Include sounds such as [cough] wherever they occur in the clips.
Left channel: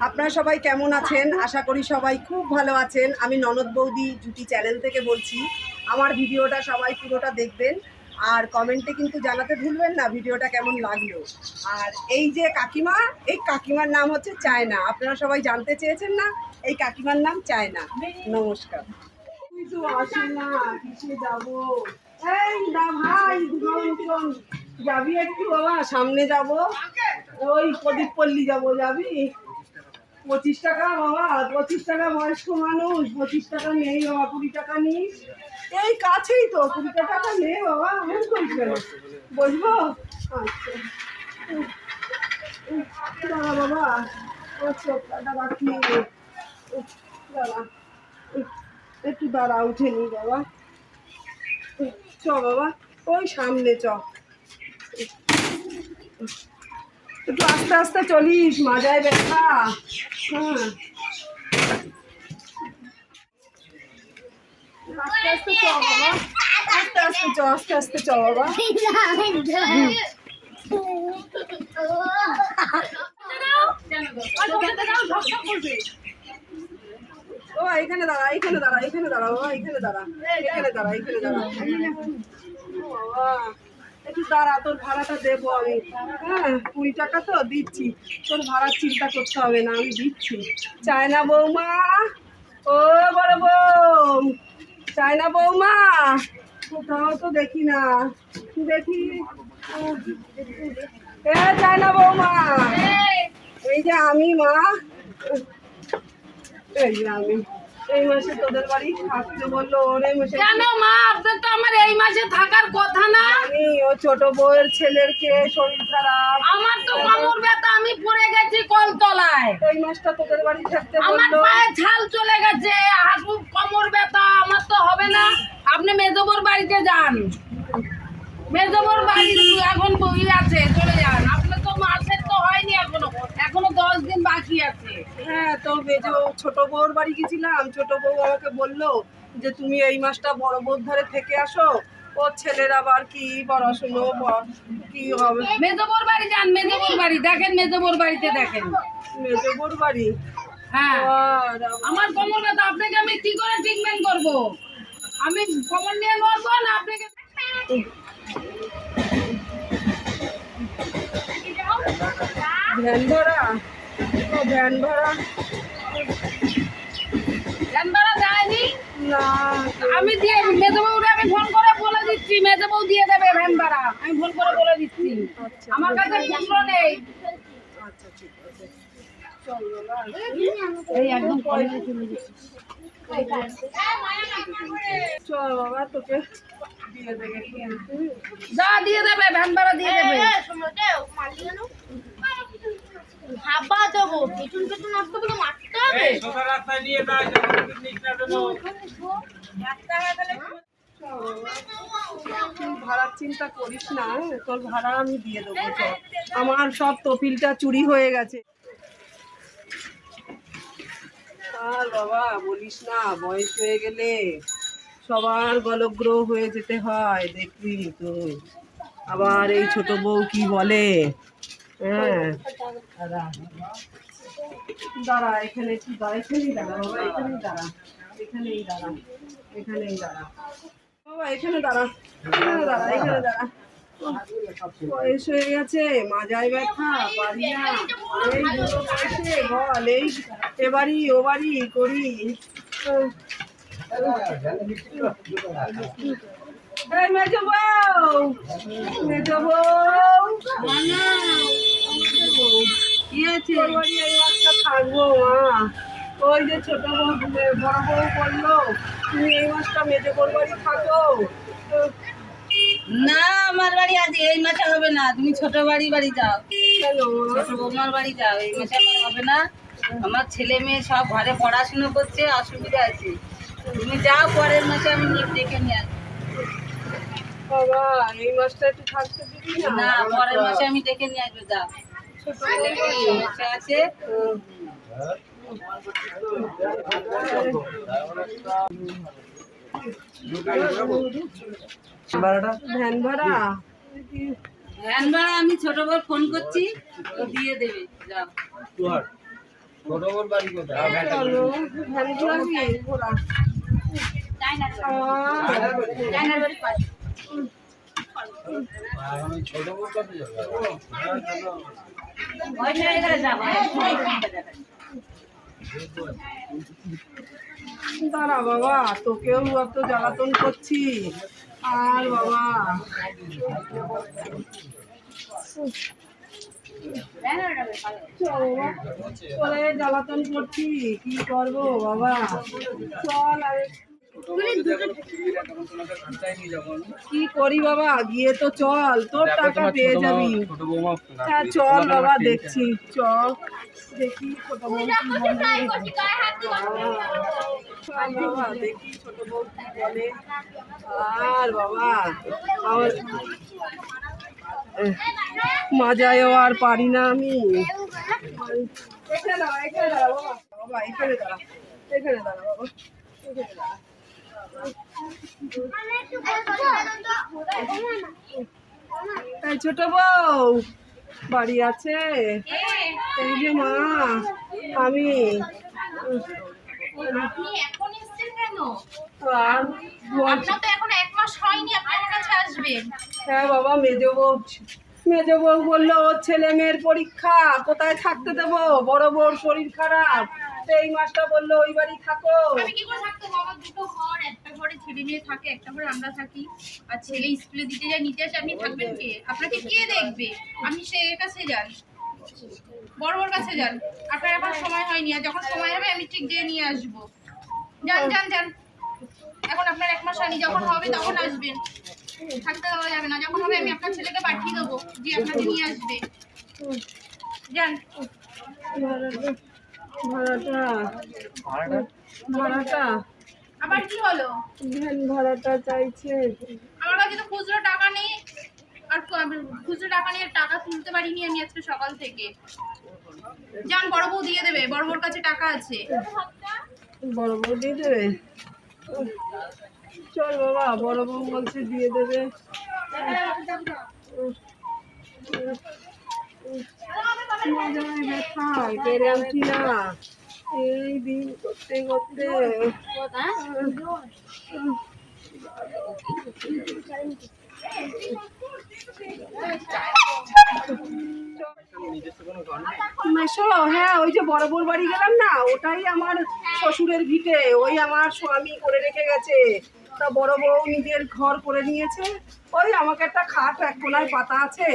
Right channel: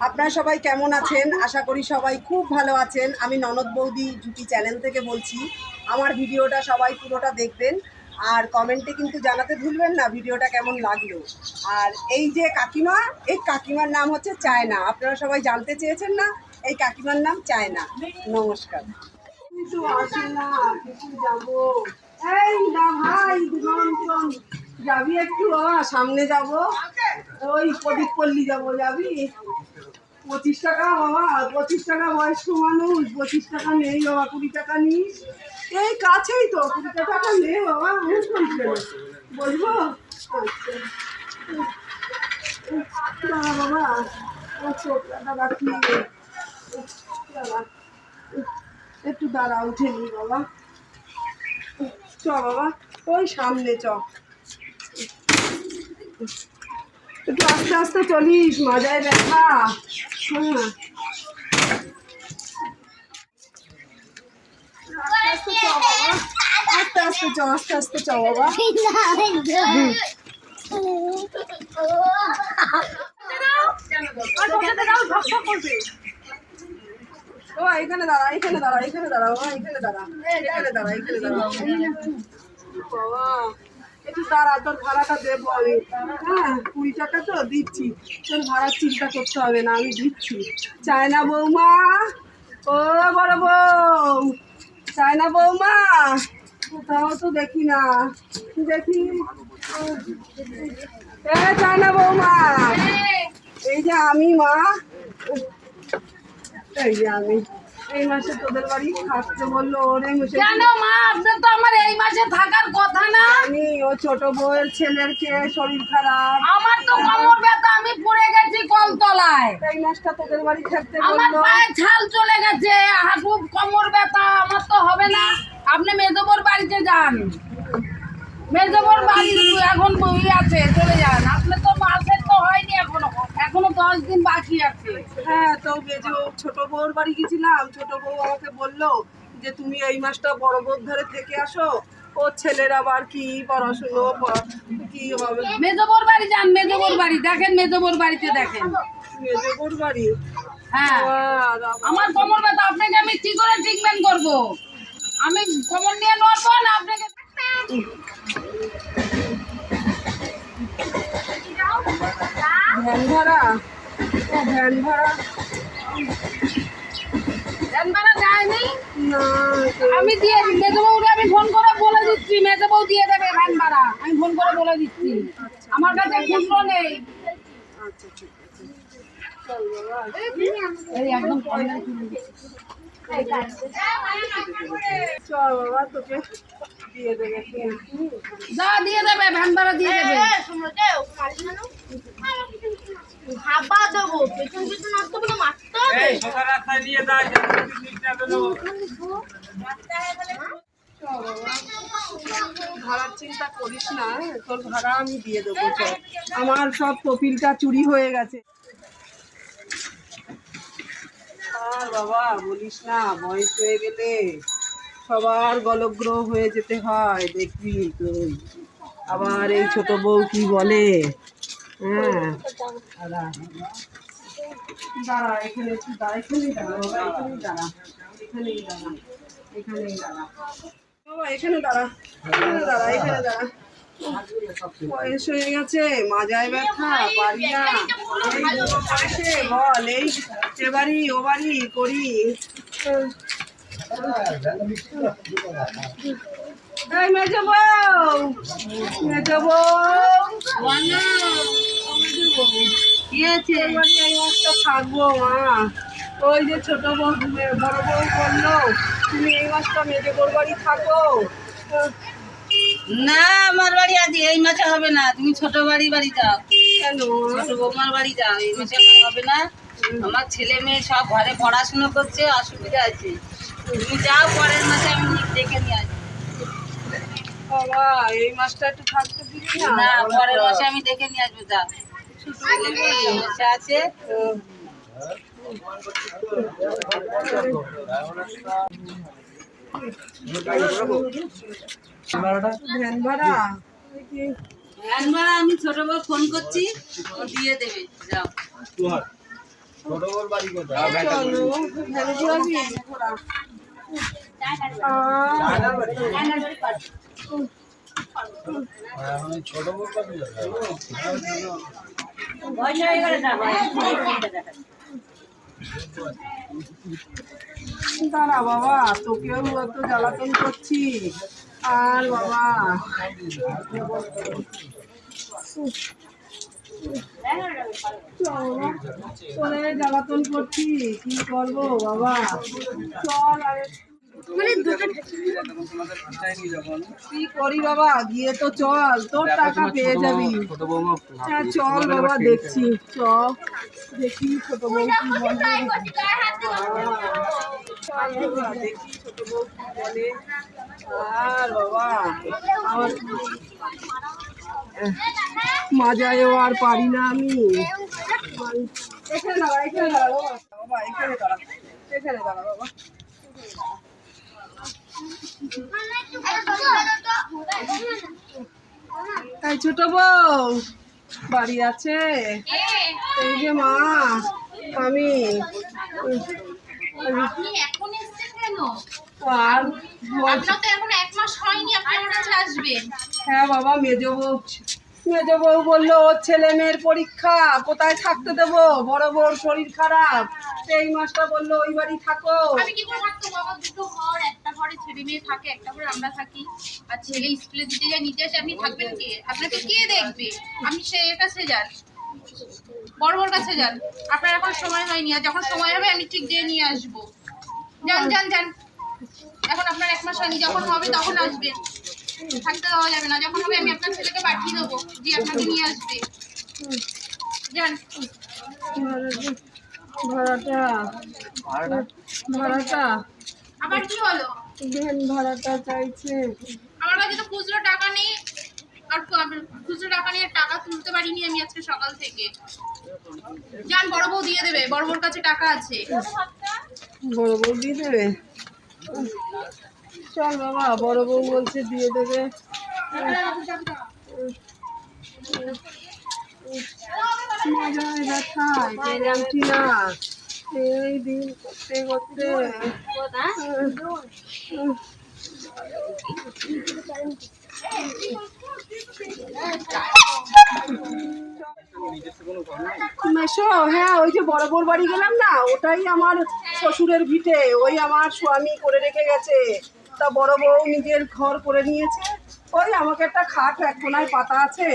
আপনারা সবাই কেমন আছেন? আশা করি সবাই খুব ভালো আছেন। আমি ননদ বৌদি জুটি চ্যানেল থেকে বলছি, আমার ভিডিওটা সবাই পুরোটা দেখবেন। আর কমেন্টে কিন্তু জানাতে ভুলবেন না ভিডিওটা কেমন লাগল। আর এই যে কাকিমা, এই কাকিমার নাম হচ্ছে চায়না। আপনারা সবাই জানতে চেয়েছেন না, এই কাকিমার নাম চায়না। নমস্কার। যাবি। একটু? বাবা সামনে যাব। ওই প্রদীপ পল্লী যাব, যাবি? পঁচিশ টাকা বাবা, পঁচিশ টাকা বয়স্ক মানুষ, পঁচিশ টাকা নেই বাবা, কুড়ি টাকা নিস এই কাছেই তো, কুড়ি টাকা নে বাবা আমার কইছে বলব আচ্ছা। দাঁড়া বাবা ও চোখটা বাকি দাঁড়া। একটু দাঁড়া, উঠে নি বাবা। চ বাবা, ওই সামনে চ। একটু আস্তে আস্তে চলিস মাজায় ব্যথা। হ্যাঁ আস্তে আস্তে চ বাবা। আস্তে আস্তে চ আস্তে আস্তে চ বাবা। ও এখানে দাঁড়া এখানে দাঁড়া এখানে দাঁড়া বাবা এখানে দাঁড়া এখানে দাঁড়া এখানে দাঁড়া। বাবা। একটু দাঁড়া, তোর ভাড়াটা দেবো আমি। হ্যাঁ কুড়ি টাকা তো দিচ্ছি। তোর ভাড়ার চিন্তা করতে হবে না, আমি দিচ্ছি। চায়না বৌমা। ও বড় বউ। চায়না বৌমা। কোথাও তো দেখি না। দেখি? এ চায়না বৌমা। এই যে আমি, মা। এই যে আমি। এই মাসে তোদের বাড়ি থাকতে বলল ওর এই মাসে কেন মা? আপনার তো আমার এই মাসে থাকার কথা না। আমি ও ছোট বউয়ের ছেলের কে শরীর খারাপ। আমার তো কোমর ব্যথা আমি পড়ে গেছি কলতলায়। এই মাসটা তোদের বাড়ি থাকতে আমার বলল। পায়ে ছাল চলে গেছে হাঁটু কোমর ব্যথা আমার তো হবে না। আপনি মেজবর বাড়িতে যান। মেজবর বাড়ি এখন বই আছে চলে যান। আপনার তো মাসের তো হয়নি এখনও। এখনও দশ দিন বাকি আছে। হ্যাঁ তো মেজো ছোট বউর বাড়ি গেছিলাম ছোট বউ আমাকে বলল যে তুমি এই মাসটা বড় বউর ধারে থেকে আসো। ও ছেলের আবার কি পড়াশুনো কি হবে? মেজবর বাড়ি যান মেজবর বাড়ি। দেখেন মেজবর বাড়িতে দেখেন। মেজো বউর বাড়ি? হ্যাঁ। আমার কোমর ব্যথা আপনাকে আমি কি করে ট্রিটমেন্ট করব? আমি কোমর নিয়ে নড়বো না আপনাকে? ভ্যান ভাড়া? ও ভ্যান ভাড়া? ভ্যান ভাড়া দেয়নি? না আমি দিয়ে মেজবউকে আমি ফোন করে বলে দিচ্ছি মেজবউ দিয়ে দেবে ভ্যান ভাড়া। আমি ফোন করে বলে দিচ্ছি। আমার কাছে খুচরো নেই। আচ্ছা ঠিক আছে। এই একদম কমে চলে গেছে। চ বাবা তোকে দিয়ে দেবে যা দিয়ে দেবে ভ্যান ভাড়া দিয়ে দেবে। হাবা দেবো পেছন পেছন আসতে বলে মারতে হবে? রাস্তায় নিয়ে যায় নিচ না যেন ভাড়ার চিন্তা করিস না তোর ভাড়া আমি দিয়ে দেবো আমার সব তপিলটা চুরি হয়ে গেছে। আর বাবা বলিস না বয়স হয়ে গেলে সবার গলগ্রহ হয়ে যেতে হয় দেখবি তুই। আবার এই ছোট বউ কি বলে? দাঁড়া দাঁড়া এখানে দাঁড়া দাঁড়া দাঁড়া এখানেই এখানে দাঁড়া এখানে দাঁড়া এখানে দাঁড়া বয়স হয়ে গেছে মাজায় ব্যথা পারি না এই এই এ বাড়ি বাড়ি করি এই মেজ বউ মেজ বউ। থাকব মা ওই যে ছোট বউ বড় বউ বলল তুমি এই মাসটা মেজে বউর বাড়ি থাকো। না আমার বাড়ি আজ এই মাসে হবে না তুমি ছোট বাড়ি বাড়ি যাও। কেন? ছোট বৌমার বাড়ি যাও এই মাসে আমার হবে না। আমার ছেলে মেয়ে সব ঘরে পড়াশুনো করছে অসুবিধা আছে। তুমি যাও পরের মাসে আমি দেখে নিয়ে আসব। বাবা এই মাসটা একটু থাকতে দিবি না? না পরের মাসে আমি দেখে নিয়ে আসব যাও ছেলে আছে। ভ্যান ভাড়া? ভ্যান ভাড়া আমি ছোট বউ ফোন করছি ও দিয়ে দেবে যাও। ছোট চলো ভ্যান ঘোরাবি দাঁড়া বাবা, তোকেও এত জ্বালাতন করছি। আর বাবা। চলে জ্বালাতন করছি। কি করব বাবা? চল আর। কি করি বাবা? গিয়ে তো চল তোর টাকা পেয়ে যাবি। হ্যাঁ চল বাবা দেখছি চ দেখি ছোট বউ কি চল বাবা দেখি ছোট বউ কি বলে। আর বাবা আমার মাজায়ও আর পারি না আমি। এখানে দাঁড়া এখানে দাঁড়া বাবা বাবা এখানে দাঁড়া। এখানে দাঁড়া বাবা। এখানে দাঁড়া এই ছোট বউ বাড়ি আছে। এই যে মা আমি। আর তো এখন এক মাস হয়নি আপনি আমার কাছে আসবেন। হ্যাঁ বাবা মেজো বউ। মেজো বউ বলল, ওর ছেলে মেয়ের পরীক্ষা, কোথায় থাকতে দেবো? বড় বউর শরীর খারাপ। সেই মাসটা বলল, ওই বাড়ি থাকো। আমি থাকতো? ঘর, একটা ঘরে ছেলে মেয়ে থাকে, একটা ঘরে আমরা থাকি। আর ছেলে আসে, আপনি থাকবেন কে? আপনাকে কে দেখবে? আমি সে কাছে যান। বড় বড় কাছে যান। আপনার এখন সময় আর যখন সময় হবে, আমি ঠিক দিয়ে নিয়ে আসব। যান যান যান। এখন আপনার এক মাস হয়নি, যখন হবে তখন আসবেন। থাকতে দেওয়া যাবে না। যখন হবে আমি আপনার ছেলেকে পাঠিয়ে দেবো যে আপনাকে নিয়ে আসবে। যান। ভাড়াটা ভাড়াটা আবার কি হলো? ভ্যান ভাড়াটা চাইছে। আমার কাছে তো খুচরো টাকা নেই। আর খুচরো টাকা নিয়ে টাকা তুলতে পারিনি আমি আজকে সকাল থেকে। যান বড় বউ দিয়ে দেবে। বড় বউর কাছে টাকা আছে। বড় বউ দিয়ে দেবে? চল বাবা, বড় বউ বলছে দিয়ে দেবে। এই দিন করতে করতে। হ্যাঁ ওই যে বড় বউর বাড়ি গেলাম না, ওটাই আমার শ্বশুরের ভিটে, ওই আমার স্বামী করে রেখে গেছে। তা বড় বউ নিজের ঘর করে নিয়েছে। ওই আমাকে একটা খাট এক কোনায় পাতা আছে,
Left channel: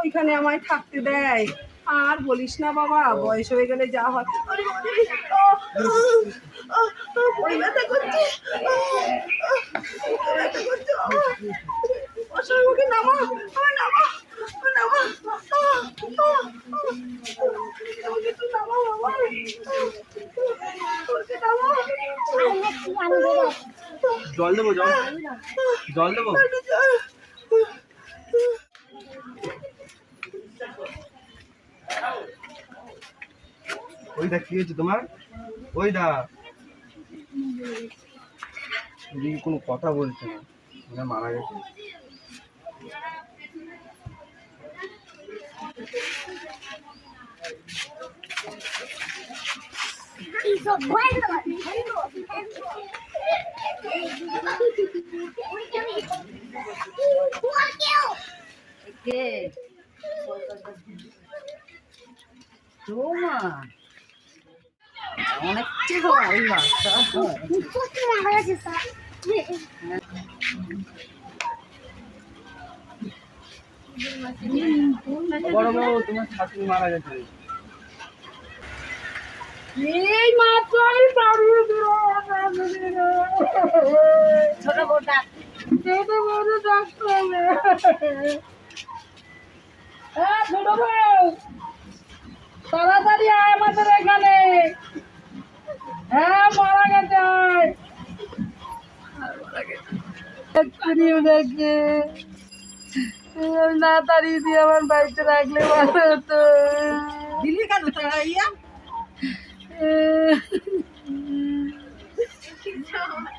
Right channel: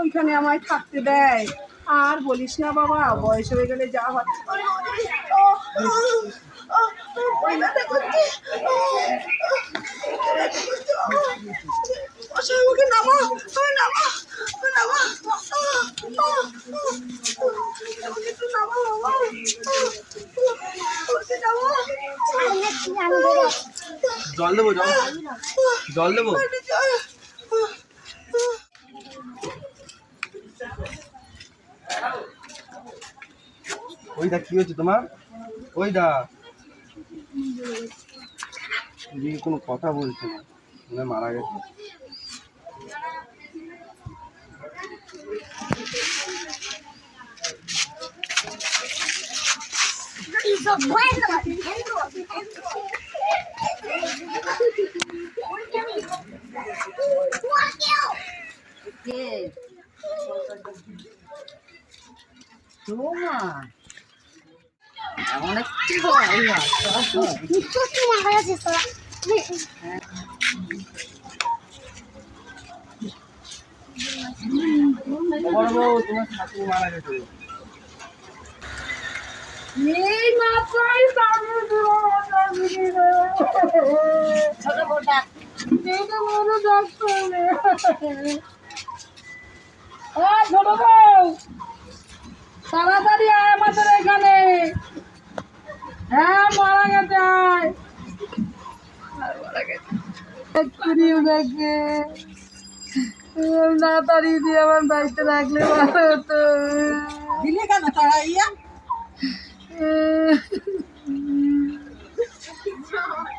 ওইখানে আমায় থাকতে দেয়। আর বলিস না বাবা, বয়স হয়ে গেলে যা হয়। জল দেবো, জল। জল দেবো? জল। ওইটা কি হয়েছে তোমার? ওইটা। এদিকে কোনো কথা বলছে না। মানে মারা গেছে। একটু হয় বড় বউ তোমার শাশুড়ি মারা গেছে। এই মাত্রই হ্যাঁ তাড়াতাড়ি আয় আমাদের এখানে হ্যাঁ মারা গেছে আয় দিয়ে আমার বাড়িতে রাখলে ভালো হতো দিলে কেন তাড়াইয়া Ee... [laughs] [laughs]